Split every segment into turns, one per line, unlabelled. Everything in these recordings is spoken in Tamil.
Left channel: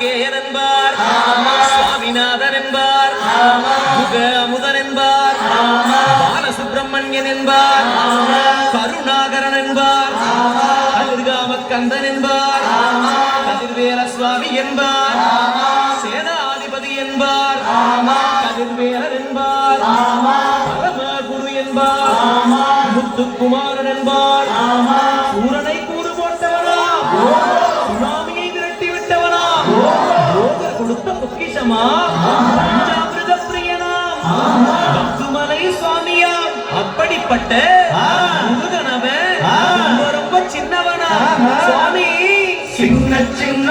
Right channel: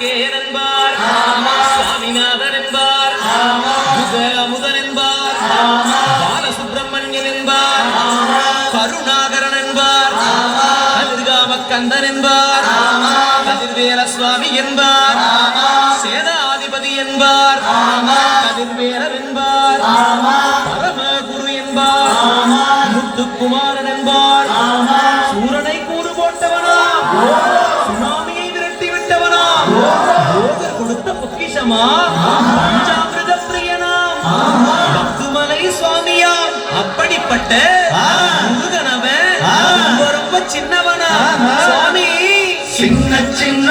பேர் என்பார் சுவாமிநாதன் என்பார் முதன் என்பார் பாலசுப்பிரமணியன் என்பார் கருணாகரன் என்பார் கந்தன் என்பார் கதிர்வேல சுவாமி என்பார் சேனாதிபதி என்பார் கதிர்வேலர் என்பார் பரமகுரு என்பார் முத்துக்குமாரன் என்பார் சூரனை கூறு போட்டவனா? கொடுத்த பொக்கிஷமா சுவாமியா பிரியனாம். பத்துமலை அப்படிப்பட்ட முருகனவன் ரொம்ப சின்னவனா சுவாமி
சின்ன சின்ன.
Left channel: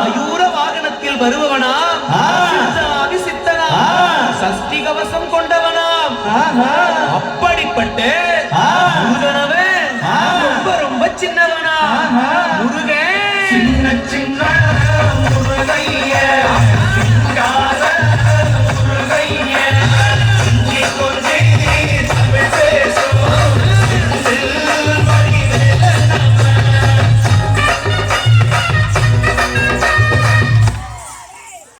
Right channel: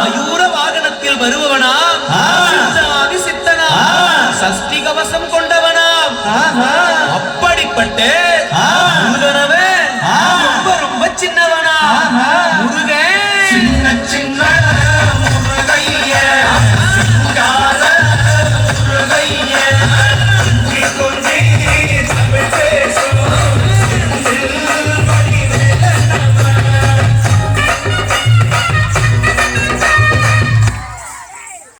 மயூர வாகனத்தில் வருபவனா சித்தாதி சித்தனா? சஷ்டி கவசம் கொண்டவனா? அப்படிப்பட்ட ரொம்ப ரொம்ப சின்னவனா?